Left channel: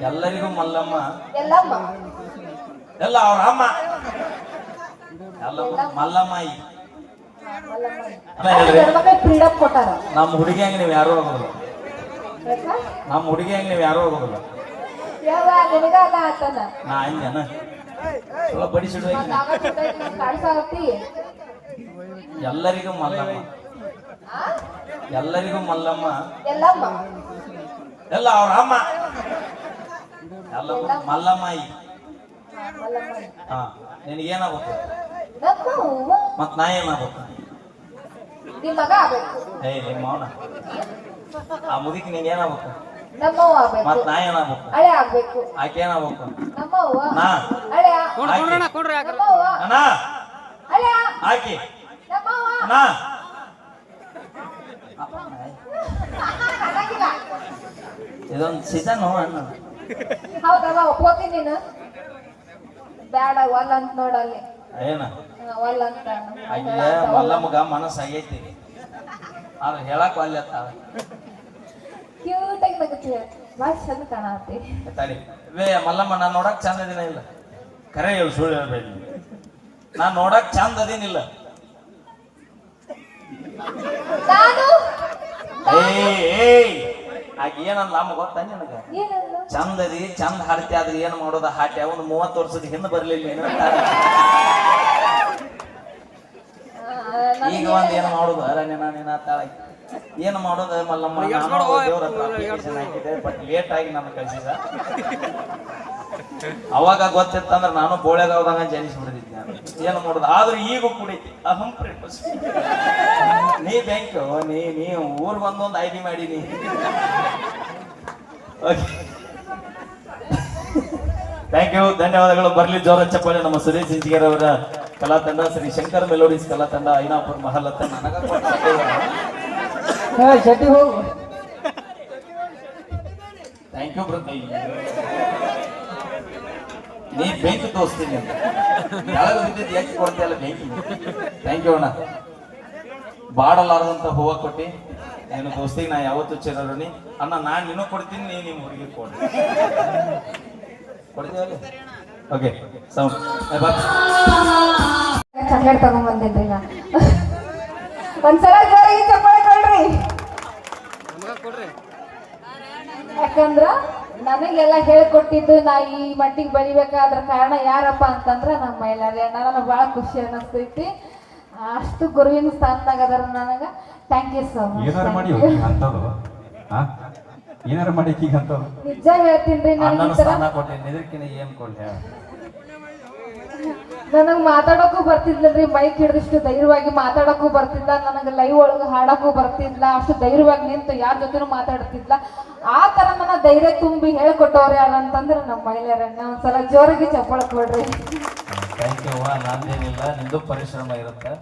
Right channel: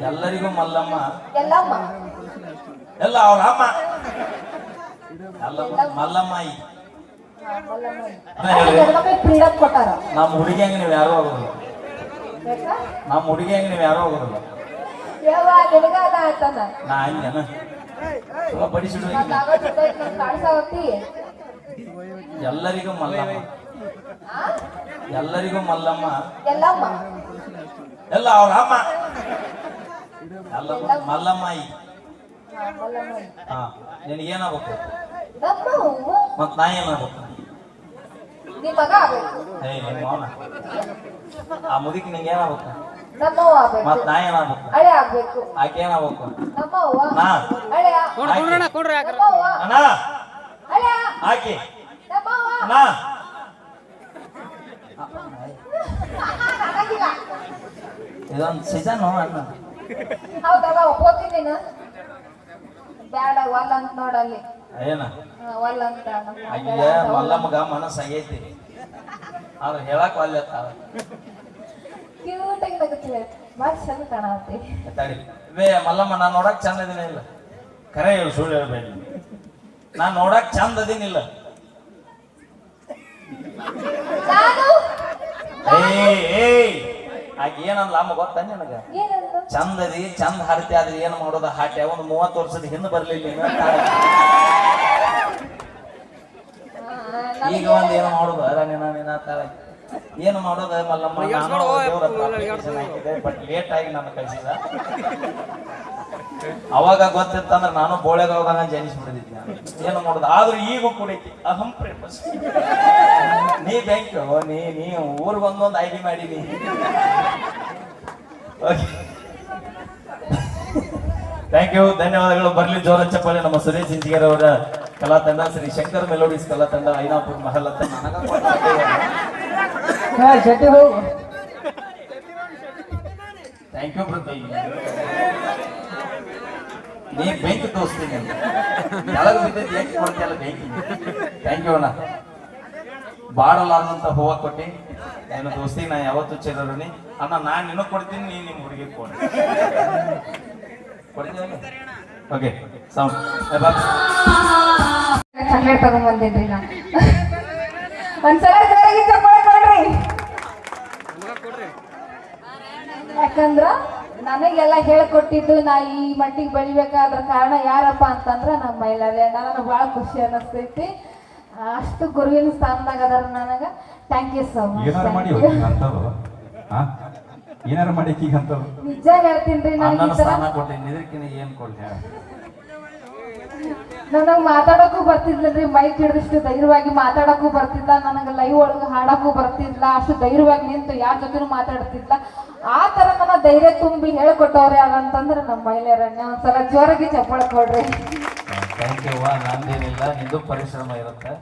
ಎಲ್ಲರಿಗೂ ಮಲ್ಲಮ್ಮ. ಎಲ್ಲ ಅವ್ರ ಅಮ್ಮ. ಮಲ್ಲಮ್ಮಾಯಿ. ನಮ್ಮ ಹುಡುಗಿಯಂಗೆ ನೀವು ಯಾರು ಆಗೋದಿಲ್ಲ. ಯಾಕ? ನಮ್ಮ ಹುಡುಗಿಯಂಗೆ ನೀವು ಯಾರು ಅದ ನಾ ಹಂಗೇನ? ಬಡಿಸಿಡ್ ಎಲ್ಲರಿಗೂ ಮಲ್ಲಮ್ಮ. ಎಲ್ಲರಿಗೂ ಮಲ್ಲಮ್ಮ. ಎಲ್ಲ ಅವ್ರ ಅಮ್ಮ. ಎಲ್ಲ ಮಲ್ಲಮ್ಮಾಯಿ. ಮಲ್ಲಮ್ಮ ಹಾ ನಿನಗೇನಾಗ್ಬೇಕು? ಮತ್ ನಾ ಏನಾಗ್ಬೇಕು? ಏ ನಿಮ್ಮ ಮೌನ. ಆ ಮುದಿಕ್ ನಿಂಗೆ ಏನಾಗ್ಬೇಕು? ಮತ್ ನಾ? ಏನಾಗ್ಬೇಕು ಆಕೆ ಏನಾಗ್ಬೇಕು ಅಣ್ಣ ನಾ ಆಕೆ. ನಮ್ಮವ್ವ ಅಣ್ಣ ಆಕೆ. ನಮ್ಮವ್ವ ಇದೊಂದು ಸೀಸನ್ ಅಣ್ಣ ಹೌದಲ್ಲ ಒಪ್ಕೋತೀನಿ ನೀನು. ಬ್ಯಾಡ ಒಲ್ ಅಂತ ನೋಡಲ್ಲಿ ಏನ ಹಾ, ಒಲ್ ಅಂತ. ಅಯ್ಯ ಮಲ್ಲಮ್ಮಗ ಮನಸ್ಸು ಆಗೈತಿ. ಆದ್ರೆ ಹೇಳಕ್ ಒಲ್ಲೆ ಅತ್ತಾಳ. ಕ್ಯೂಟಾಗಿ ನಗತ್ತೆ ಭಾಳ ಚಂದ ಕಾಣತ್ತಿ. ತಡಿ. ವೇ ಮಲ್ಲಮ್ಮ ನಾ ನೋಡಕ್ ಚಂದ ಅದಿನ ಇಲ್ಲ. ಕರೆ ಹೇಳು ಸುಳ್ಳು ಹೇಳ್ಬೇಡಿ ನಾ ನೋಡಕ್ ಚಂದ ಅದೇನಿಲ್ಲ ನಾನು? ಏಯ್ ಏಯ್. ಆಗ ಏನಂದ್ಲ ಅಮ್ಮ ಗೊತ್ತ ನಿನಗ? ಚಂದ ಅದಿ ಚಂದ ಹಾಡ್ತಿ ಆದ್ರೆ ಏನು ಮಾಡೋದ? ಹಾಟ್ಯ ಅವನು ಮೂವತ್ತು ವರ್ಷದ ಹಿಂದೆ ಬರ್ಲಿಲ್ಲ ಈಗ ಒಂದ್ ಏನ್ ಮಾಡೋದು? ಅರ ನಿನ್ನ ನಿನ್ನ ತಾಳ ಏನು ಮಾಡೋದು ಮಲ್ಲಮ್ಮ? ಬಟ್ ಲೇಟ್ ಆಗಿ ನಾನು ಕಳ್ಸಿದ ಅವಾಗ ಗೊತ್ತಿತ್ತಂದ್ರೆ ನಾನು ಬೋಳೆಗಾವದಾಗ ಜನಿಸ್ಬಿಡ್ತಿದ್ದೆ ನಾನು. ಏನು ಮಾಡುದು? ಆದ್ರೆ ಈಗ ಕುಡಿತಿ ಅಹಂ ಪ್ರೇಮಸ್ ನೀ ಬ್ಯಾಂಕ್ ನೀ ನೀ ಊರ್ ಬಂದೊಂದು ಐ ಡಿ ಮಾಡೀನಿ ಥ್ಯಾಂಕ್ ಯು ಧನ್ಯವಾದಗಳು. ಬರ್ಲಿ ಜೋರ ಚಪ್ಪಾಳೆ ನಮ್ಮ ಸುರೇಶ್ ಇಂಜಿಗರ್ ಅವರ ಕಲಾ ತಂಡ ಶ್ರೀ ಶಂಕರ್ ಮೆಲೋಡಿಸ್ ಕಲಾ ತಂಡ Ainapur Mahal thank you brother ನೀ ಬೆಂಕಿ ತೋರಿಸ್ತೀನಿ ಅಂತ. ಕೊಡ್ತೀಯಲ್ಲ ಬೆಂಕಿ ಥ್ಯಾಂಕ್ ಯು ಅಣ್ಣ. ಬಾಡಲಾರದಂತ ಹೂವ ಕೊಟ್ಟಿ. ಏನು ದೋಸ್ತಿ, ನಾ ಯಾವತ್ತು ಚೆನ್ನಾಗಿ ಅಣ್ಣ, ನಾನು ನಿನ್ನೂ ಕೊಡ್ತೀನಿ ನೀ ನಿಮ್ಮ ಹುಡುಗಿ ಕೊಡಿ. ಕೊಡ್ತೀವಲ್ಲ ಓಕೆ ಸೌಂಡ್ ನಾನು. ಯಾಕಂದ್ರ ನನಗೆಲ್ಲ ಹೇಳ್ಕೊಟ್ಟಿದ್ದು ನಾ ಈ ಮಟ್ಟಿಗೆ ಬೆಳಿಬೇಕಾದ ಕಾರಣ ಯಾರಪ್ಪ ಅಂತಂದ್ರ ನಮ್ಮ ಮೈಲಾರಿ ನನಗೆ ಬಹಳ ಖುಷಿ ಅನ್ನಿಸ್ತೈತಿ. ಅಷ್ಟು ಗುರುವಿನ ಸ್ಥಾನದಾಗ ಅದರ ನನಗ. ಥ್ಯಾಂಕ್ ಯು ಸೋ ಏನಾರು ಮಾಡಿ ಮಚ್ ಏನಾರ ಮಾಡಿ ಈಗ ನಿಜ ಹೇಳ್ತೀನಿ ರೀ ನಾನು ಸ್ಥಾನ ಏನ್ ಕೊಡ್ಲಿ? ನನಗ್ ಮಾತಾಡಕ್ಕೂ ಬರ್ತಿದ್ಲರಿ ಮೈಕ್ ಹಿಡಿದಷ್ಟು ಧೈರ್ಯವಾಗಿ ಮಾತಾಡಕ್ಕೂ ಬರ್ತಿಲ್ಲ ನನಗೆ ಲೈವ್ ಒಳಗೆ ಹಾಡಕ್ಕೂ ಬರ್ತಿಲ್ಲ ಅಷ್ಟು ಧೈರ್ಯವಾಗಿ ನಿಂತು ಯಾರ ಜೊತೆನೂ ಮಾತಾಡ್ತಿಲ್ಲ ಆ ತರ ನನ್ನ ಧೈರ್ಯ ತುಂಬಿ ಹೇಳ್ಕೊಟ್ಟವ್ರೆ ಅಂತಂದ್ರೆ ನಮ್ಮ ಮಹಿಳೆಯರನ್ನ ಒಂದ್ಸಲ ಜೋರಾಗಿ ಚಪ್ಪಾಳ ಕೊಡ್ರಿ. ಥ್ಯಾಂಕ್ ಯು ನಂದೇನಿಲ್ಲ ನಿಂದು ಪರಿಶ್ರಮ ಇರುತ್ತೆ.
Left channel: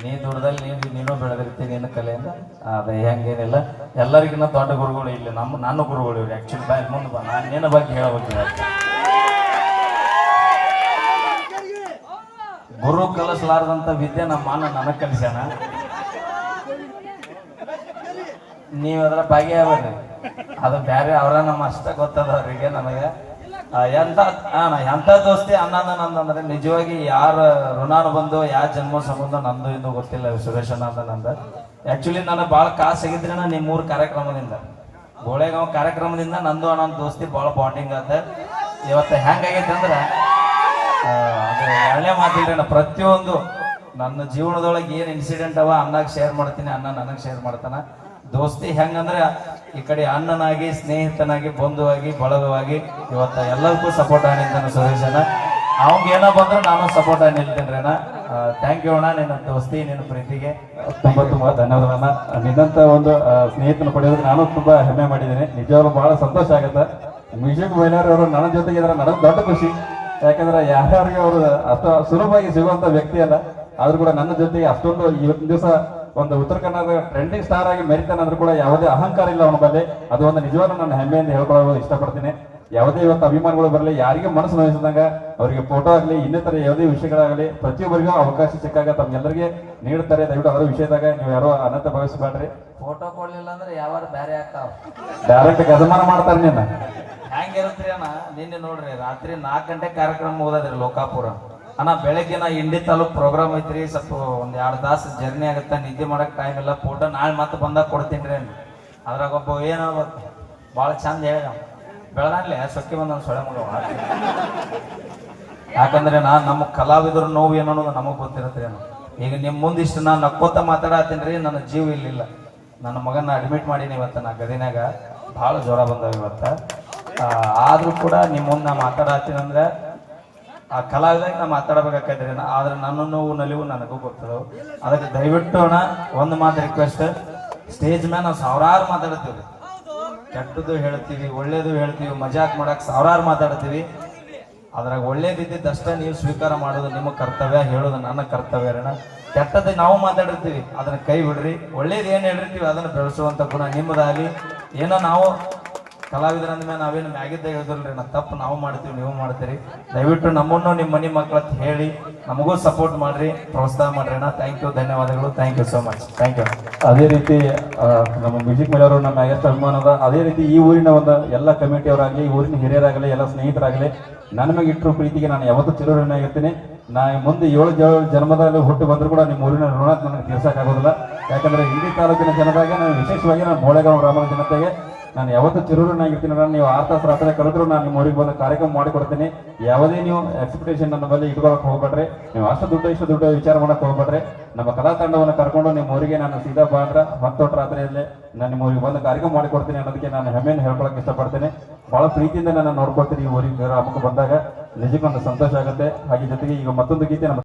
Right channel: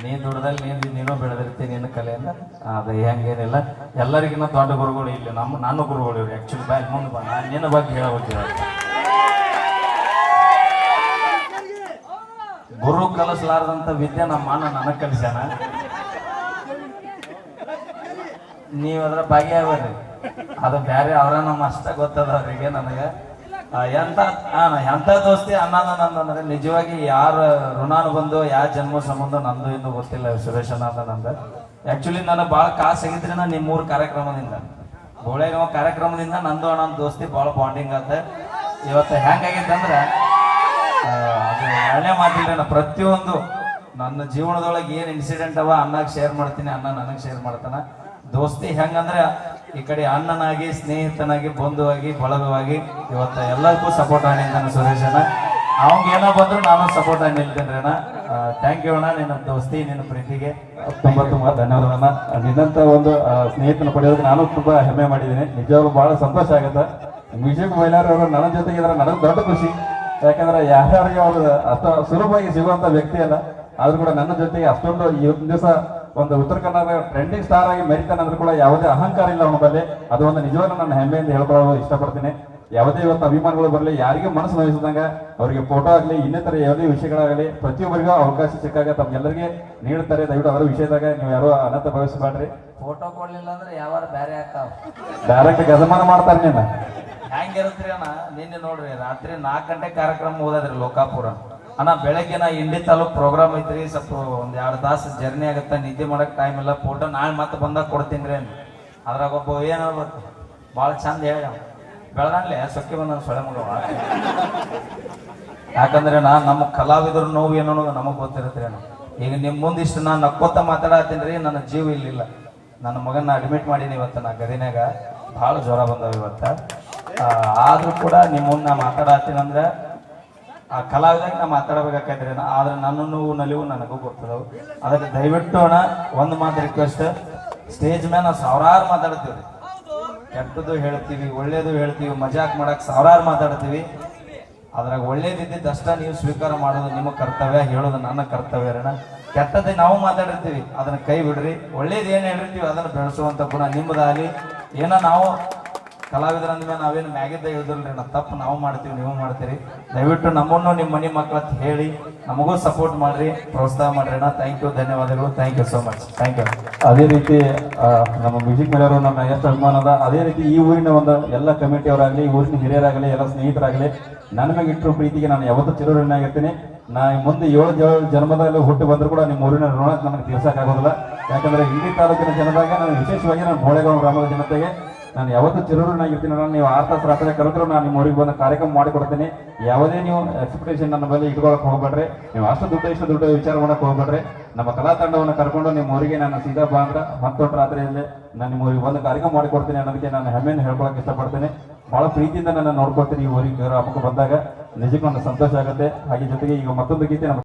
ನೀ ದುಡ್ದಲ್ಲಿ ನೀನು ನೀನು ಬೆಳೆದಿರ್ತೀನಿ ನಿನ್ನ ಕಲೆಯನ್ನ ಅದ ಹೆಂಗೇನಿಲ್ಲ. ಎಲ್ಲರಿಗಿನ್ನ ದೊಡ್ಡ ಗುರುಗಳು ಇಲ್ಲಿ, ನಮ್ಮ, ನನ್ನ ಗುರುಗಳು ಇವ್ರು. ಆ್ಯಕ್ಚುಲಿ ಬಾಯ್, ಮುಂದೆ ಬಂದ ನಾನು ನಿನ್ನ ಬಗ್ಗೆ ಹೇಳಬೇಕಿಲ್ಲ ಗುರು ಕಲಿಸಲಾರದಂತ ವಿದ್ಯೆ ನಮ್ಮ ಅಣ್ಣ ನನಗೆ ಕಲಿಸ್ಯಾನ? ನೀವು ಅದರ ಭಾಗಿಯಾಗ್ರಿ ಅದು ಬೇರೆ ಅವ್ರ ನಮ್ಮ ಅಷ್ಟ ಗೊತ್ತದ ಅವ್ರಿಗೆ ನನಗೆ. ಎಂತ ಎಂಥ ದೋಸ್ತಿ ಅಣ್ಣನ ನಂದು ನಿಜವಾಗಿ ಯಾರ ಋಣಾನು ಬಂದು ಯಾರ ಜನ್ಮ ಸಂಬಂಧ ನಂದು ಇಂದು ಗೊತ್ತಿಲ್ಲ ಸುರೇಶ್ ಅಣ್ಣ ನಂದು. ಆಕ್ಚುಲಿ ನನಗೆ ಭಾಳ ಕಾಸು ಆಗಿದ್ರೆ ನಿಮ್ಮ ಮೂರು ಕಾರ್ಯಕ್ರಮದಿಂದ. ಗೋಳೆಗಾಂವ್ ಕಾರ್ಯಕ್ರಮದಿಂದ ನಂದು ಅಣ್ಣನ ದೋಸ್ತಿ ಭಾಳ ಬಾಂಡಿಂಗ್ ಆತ. ಇವತ್ತು ಹೆಂಗಾಗೈತೆ ಅಂದ್ರೆ ಒಳ್ಳೆ ಮಾತಿಲ್ರಿ ನಾ ಪ್ರತಿಯೊಂದು ನನ್ನ ಜೀವನದೊಳಗೆ ಏನು ಇನ್ಸಿಡೆಂಟ್ ಅವ ಅಣ್ಣಗೆ ಶೇರ್ ಮಾಡ್ತೀನಿ ಅನ್ನ ನನಗೆ ಶೇರ್ ಮಾಡ್ತಾನ. ದೋಸ್ತಿ ಹೆಂಗಂದ್ರೆ ಈ ಕಡೆ ಅಣ್ಣನಾಗಿ, ಸ್ನೇಹಿತನಾಗಿ, ಬಂಧುವಾಗಿ, ಬಳಗವಾಗಿ ಇವತ್ತ ಎಲ್ಲರಿಗೂ ಸಪೋರ್ಟ್ ಆಗಿದ್ದಾನೆ ಸುರೇಶನ ಅವಂಗ ಏನೋ ಬಂದ್ರು ನಾನು ಸಪೋರ್ಟ್ ಆಗಿ ನಿಲ್ತೇನೆ ಅಣ್ಣ ಥ್ಯಾಂಕ್ ಯು ಅಣ್ಣ, ನಿನ್ನ ದೋಸ್ತಿ, ನಿನ್ನ ಪ್ರೀತಿಗೆ ತುಂಬಾ ತುಂಬಾ ಧನ್ಯವಾದಗಳನ್ನ ನಿನ್ನಂತ ಒಂದು ಸ್ನೇಹಿತನ ಪಡೆಯೋದಕ್ಕೆ ನಾನು ತುಂಬಾ ಹೆಮ್ಮೆ ಮಾಡಿದ್ದೀನಿ. ನಿಜವಾಗ್ಲೂ ಬಹಳ ಸಂತೋಷ ಆಗುತ್ತೆ. ಮ್ಯೂಸಿಕ್ ಬೈಲಾರ್ ಅವರು ನನ್ನ ಜೊತೆಗೆ ಇದ್ರೆ ನನಗೆ ದೊಡ್ಡ ಖುಷಿ. ಯಾಕಂದ್ರೆ ಯಾರ್ಯಾರಿಗೆ ಅವರು ಅಷ್ಟು ಸುಲಭವಾಗಿ ಸಿಗುವಂತ ವ್ಯಕ್ತಿ ಅಲ್ಲ ಆದ್ರೂ ಕೂಡ ನನ್ನ ಜೊತೆಗೆ ಅಷ್ಟೊಂದು ಇವತ್ತಿನ ದಿವಸ ಒಂದು ಉತ್ತರ ಕನ್ನಡದ ಟ್ರೆಂಡಿಂಗ್ ಸ್ಟಾರ್ ಆಗಿ ಮೆರಿತಾನಂದ್ರೂ ಕೂಡ ಯಾವುದೇ ಅಹಂಕಾರ ಇಲ್ಲ ಅವನ ಬಲ್ಲಿ. ಅದು ಒಂದು ನಿಜವಾಗ್ಲೂ ನನ್ನ ಹೆಮ್ಮೆಯಿಂದ ಹೇಳ್ಕೊಳ್ಳೋದು ಇಷ್ಟಪಡ್ತೀನಿ. ಯಾವುದೇ ಇವತ್ತು ಅಭಿಮಾನಿಗಳು ಬರಲಿ ಯಾರಿಗೆ ಮನಸ್ಸು ನೋಯಿಸಿದಂಗ ಅವರಿಗೆ ಫೋಟೋ ಆಗಲಿ ಇನ್ನಿತರ ಯಾವುದೇ ವಿಷಯಗಳಾಗಲಿ ಪ್ರತಿಯೊಬ್ಬರಿಗೂ ಅವಕಾಶ ಸಿಕ್ಕಾಗ ತಮ್ಗೆಲ್ಲರಿಗೆ ನೀಡುತ್ತಾರೆ. ದಯವಿಟ್ಟು ಅದರ ವಿಷಯದಾಗ ನೀವು ಯಾರು ಅನಂತ ಭಾವಿಸಬೇಡ್ರಿ. ಫೋಟೋ ಕೊಡ್ಲಿಲ್ಲ ಅಂದ್ರೆ ಯಾವಾರ ಬೇರೆ ಆಗ್ತಾವ. ಡೈರೆಕ್ಟ್ ಗಜಮಾನ ಮಾಡ್ತಾರೆ ನಿನ್ನ. ಹೆಂಗಿರುತ್ರಿ ಅಣ್ಣ, ನಿನ್ನೆ ನೋಡ್ರಿ, ರಾತ್ರಿ ನಾಲ್ಕು ಗಂಟೆ ಕಾರ್ಯಕ್ರಮ ಓದದ್ರಿ ಲೋಕಾಪುರ. ಅಣ್ಣ ಬೆಳಗ್ಗೆ ನಾ ಇಂಡಿ ತಾಲೂಕ್ ಪ್ರೋಗ್ರಾಮ್ ಐತ್ರಿ, ಸ್ವಲ್ಪ ಒಂದ್ ಎರಡು ತಾಸು ಜರ್ನಿ ಆಗುತ್ತೆ, ನಿದ್ದೆ ಮಾಡಕ್ ಟೈಮ್ ಇಲ್ಲ ಫೋಟೋ ನಾಳೆ ಮತ್ತೆ ಬಂದಾಗ ಕೊಡ್ತೀನಿ ರೀ ಅದ್ರಾಗ ಒಬ್ಬ ಏನ್ ಗೊತ್ತು ಭಾಳ ಚಂದ ಹೇಳಿ ಬೆಳಗಾಗ್ಲೆ ಸೊಕ್ಕೆ ಬಂದ ಸೊಳೆ ಯಾಕಂದ್ರೆ ನಾ ನಮ್ಮ ಕಲಾವಿದರು ನೋವು ಏನೋ ನಮಗ್ ಗೊತ್ತಿರುತ್ತೆ. ಈಗ ನಿಮ್ ಮುಂದಿಷ್ಟು ನಾನು ನಕ್ಕೋತ ಮಾತಾಡತ್ತೀನಿ ರೀ, ನನ್ನ ಜೀವ ಇಲ್ಲಿಲ್ಲ. ನನ್ನ ಮಗನ ಅಡ್ಮಿಟ್ ಮಾಡೀನಿ ಇವತ್ತು ನಾ ಗದಿನಾಗ ಭಾಳ ಜ್ವರ ಬಂದವ ಇವತ್ತ. ಆದ್ರೂ ಕೂಡ ನಿಮ್ಮ ಮುಂದೆ ನಾ ಮಾತಾಡತ್ತೀನಿ ಅಂದ್ರೆ ಆ ಕಲಾವಿದಾಗ ನಾ ಮಾತಾಡಬೇಕಾಗ್ತದೆ ಆದ್ರೆ ನನ್ನ ನೋವು, ನಲಿವು ನನಗೂ ಗೊತ್ತದವು. ಅದಕ್ಕೆ ದಯವಿಟ್ಟು ಅಣ್ಣ, ಒಂದು ಮಾತು ರಿಕ್ವೆಸ್ಟ್ ಸ್ಟೇಜ್ ಮೇಲೆ ನಾವು ಸಾವಿರಾರು ಮಾತಾಡ್ತೀವಿ ಕೆಟ್ಟದ್ದು ಹೇಳ್ತೀವಿ, ಒಳ್ಳೇದು ಹೇಳ್ತೀವಿ, ಮಜಾಕ್ ಮಾಡಕ್ ಸಾವಿರಾರು ಮಾತಾಡ್ತೀವಿ. ಅದ್ರಾಗ ಒಳ್ಳೆ ದಷ್ಟ ನೀವು ಸ್ವೀಕಾರ ಮಾಡೋದು ನಿಮ್ಮ ಕರ್ತವ್ಯ, ಹೇಳೋದು ನನ್ನ ಕರ್ತವ್ಯ ಅಣ್ಣ. ಕೆಟ್ಟದ್ದು ನಾವು ಮಾತಾಡಿರ್ತೀವಿ. ಅದನ್ನ ಕೈ ಬಿಡ್ರಿ. ಒಳ್ಳೇದು ಏನು ಹೇಳಿರ್ತೀವಿ ಅದನ್ನ ಬೆಳೆಸುವಂತ ಗುಣ ನಿಮ್ಮದಾಗಲಿ ಏನೋ ನಾವು ಕಲಾವಿದರ ಅಂದ್ಮೇಲೆ ನಾವೇನು ಮ್ಯಾಗಿದ್ದ ಹೇಳಿದ್ರಲ್ರಿ ನಾ ತಪ್ಪು ನಾವು ಮಾಡ್ತೀವಿ, ನೀವು ಮಾಡ್ತೀರಿ. ದಯವಿಟ್ಟು ನಮ್ಮನ್ನು ನಿಮ್ಮ ಮನೆ ಮಕ್ಕಳ ಹೇಳಿ ನಮಗೂ ಸಪೋರ್ಟ್ ಮಾಡ್ರಿ, ಪ್ರೋತ್ಸಾಹ ಮಾಡ್ರಿ ಅಣ್ಣ. ಥ್ಯಾಂಕ್ ಯು ಧನ್ಯವಾದಗಳು. Thank you so much thank you ಅದೇ ರೀತಿ ನಮ್ಮ ಮ್ಯೂಸಿಕ್ ಮೇಲವರು ನಮ್ಮ ಎಷ್ಟು ಅಭಿಮಾನ ಅದ ಅದೇ ರೀತಿ ಈ ಊರಿನ ಒಂದು ಎಲ್ಲ ಕಮಿಟಿಯವರಾಗಲಿ, ಈ ಊರಿನ ಹಿರಿಯರಾಗಲಿ, ಎಲ್ಲ ಸ್ನೇಹಿತರಾಗಲಿ ಮೇಲೆ ಇಟ್ಟರು ಪ್ರೀತಿಗೆ ನಾನು ಯಾವತ್ತೂ ಚಿರೋಣಾಗಿರ್ತೀನಿ ನಾ ಮುಂದೆ ಏಳು ಜನ್ಮದಲ್ಲಿ ಹುಟ್ಟು ಬಂದರೂ ಕೂಡ ನಿಮ್ಮ ಊರಿನ ಋಣ ನನಗೆ ತಿಳಿಸೋಕ್ಕಾಗೋದಿಲ್ಲ ಯಾಕಂದ್ರೆ ಇಡೀ ತಾಲೂಕಿನ ಜನದಾಗ ನಾನು ವಿಶೇಷವಾಗಿ ನಾನು ಬೋಳೆಗಾಂವ್ ಗ್ರಾಮದ ಜನತೆಗೆ ನಾನು ಯಾವತ್ತೂ ಚಿರೂರನಾಗಿರ್ತೀನಿ ನಾನು ನೀವು ಆರ್ ತಾಸು ರಾತ್ರಿ ಕರೆದ್ರು ನಾನು ನಿಮ್ಮ ಊರಿಗೆ ಬಂದು ಕಾರ್ಯಕ್ರಮ ಮಾಡಿಕೊಡ್ತೀನಿ. ಯಾವುದೇ ನೀವು ಎಕ್ಸ್ಪೆಕ್ಟೇಷನ್ ನನ್ನ ಮೇಲೆ ಇಟ್ಕೊಳಕ್ ಹೋಗ್ಬೇಡ್ರಿ. ನೀವು ಅಷ್ಟು ದುಡ್ಡು ಇಷ್ಟು ದುಡ್ಡು ವಿಚಾರ ಮಾಡಕ್ ಹೋಗ್ಬೇಡ್ರಿ. ನಮ್ಮ ಕಲಾ ತಂಡವನ್ನು ಕರ್ಕೊಂಡು ನಿಮ್ಮ ಊರಿಗೆ ನಾನು ಸೀದಾ ಬಾ ಅಂದ್ರೆ ಹತ್ತೊಟ್ಟು ರಾತ್ರಿಯಲ್ಲಿ ನಾನು ನಿಮ್ಮ ಊರಿಗೆ ಬಂದು ಕಾರ್ಯಕ್ರಮ ಮಾಡಿಕೊಡ್ತೀನಿ ಅನ್ನೋದಕ್ಕೆ ನಾನು ಹೆಮ್ಮೆಯನ್ನು ಹೇಳ್ಕೊಳಕ್ಕೆ ಇಷ್ಟಪಡ್ತೀನಿ. ಬಹಳ ಪ್ರೀತಿಯಿಂದ ನಾನು ನೋಡ್ಕೊಳ್ತೀನಿ ಈ ಊರಿಗೆ ಗ್ರಾಮಕ್ಕೆ ಬಂದಾಗ. ನಿಜಕ್ಕೂ ಒಂದು ಸಂತೋಷ ಆಗುತ್ತೆ. ಹಾಗೆ ಜೊತೆಗೆ ಈಗ ಮತ್ತೊಂದು ಗೀತೆ